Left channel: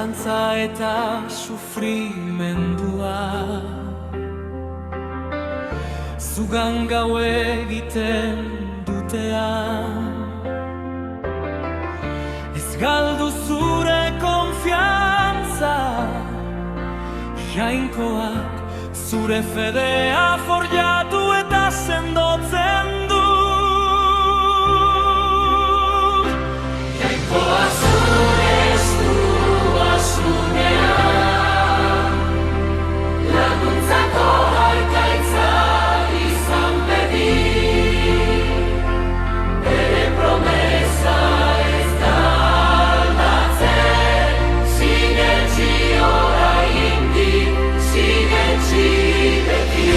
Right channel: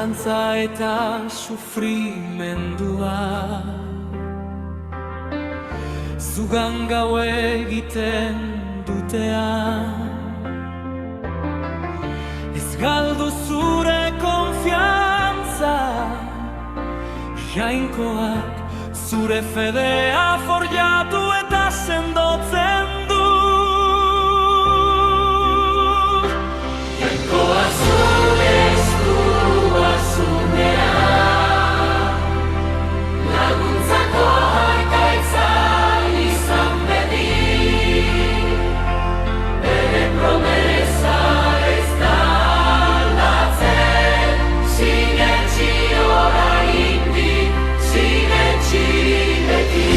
zalantza eta sufrimendua. Zugan gau egiten dutean, ez galdu zure konfiantza. Jainkoak zure fedea forjatu eta sendotzen du. Jainkoa zure esku basunean, laguntzako harkaitza izan bedi. Bere promesa ez da aldatzen, sinetsi oraindik, sinetsi beti.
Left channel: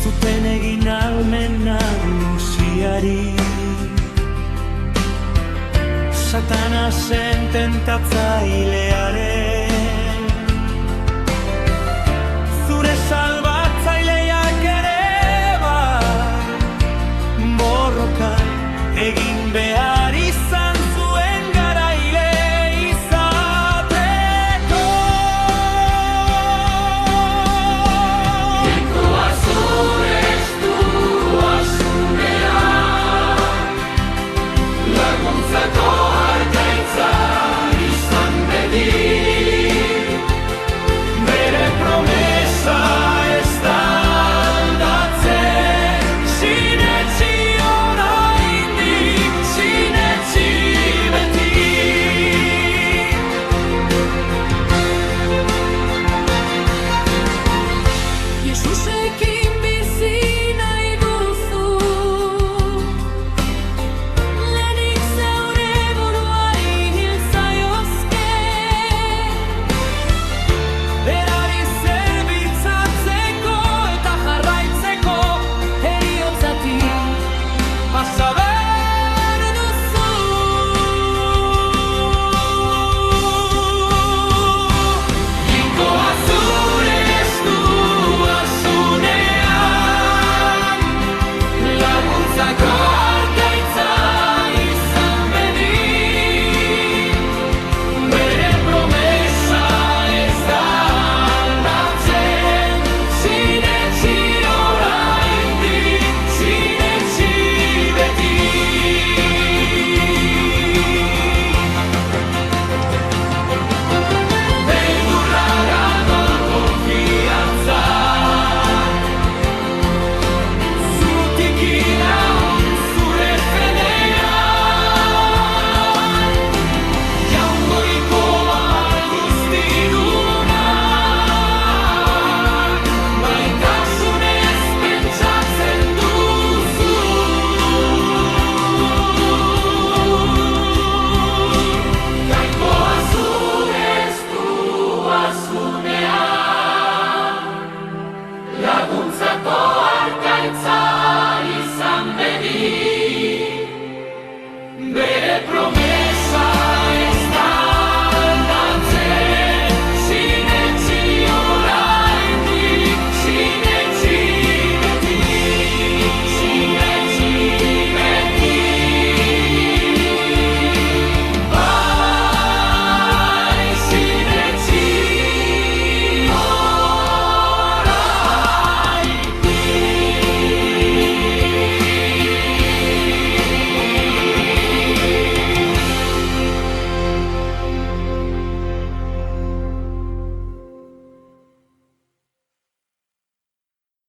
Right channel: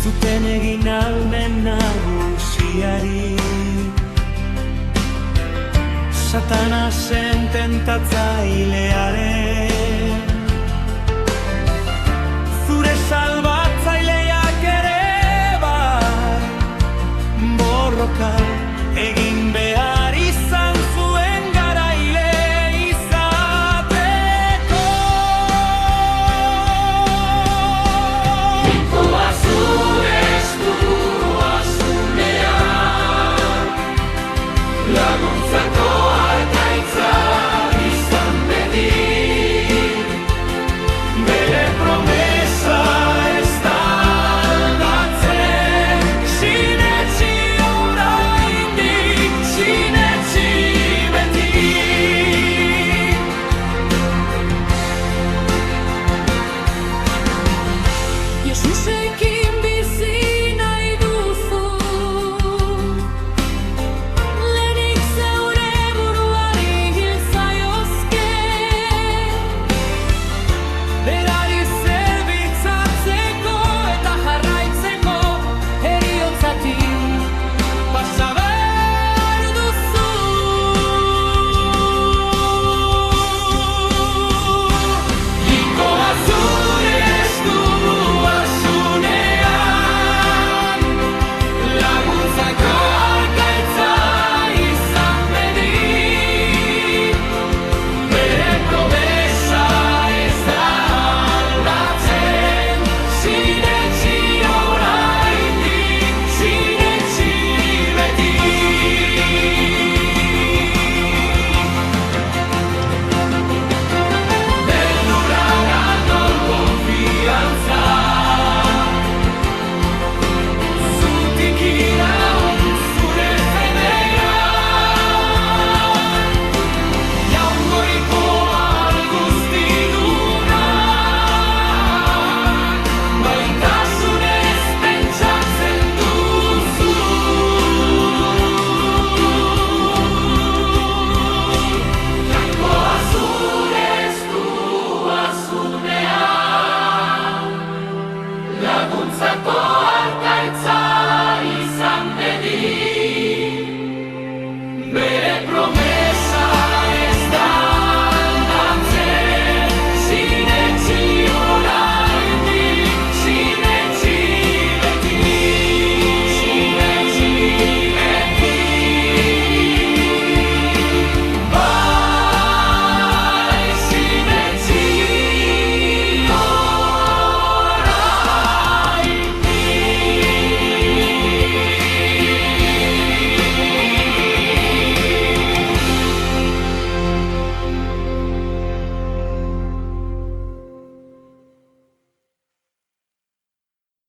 Zuten egin almen nagusiari, Satanasen tentatzailearen, zure salbatzaileak ere bai, borroka egin behar izan zuen garaile izateko. Jainkoa zure esku basunean, laguntzako harkaitza izan bedi. Bere promesa ez da aldatzen, sinetsi oraindik, sinetsi beti. Jesusekin bizi nahi duzu, lehenik zeure buruari hil zaiozke. Berari zerbitzatzeko eta jarraitzeko heriotzatik pasa behar duzu. Jainkoa zure esku basunean, laguntzako harkaitza izan bedi. Bere promesa ez da aldatzen, sinetsi oraindik, sinetsi beti. Beldurra galdor konfiantza, zutik iraun zure fedea. Jaungoiko alguztidunak, maitasunez pentsatzen duzu. Jainkoa zure esku basunean, laguntzako harkaitza izan bedi. Bere promesa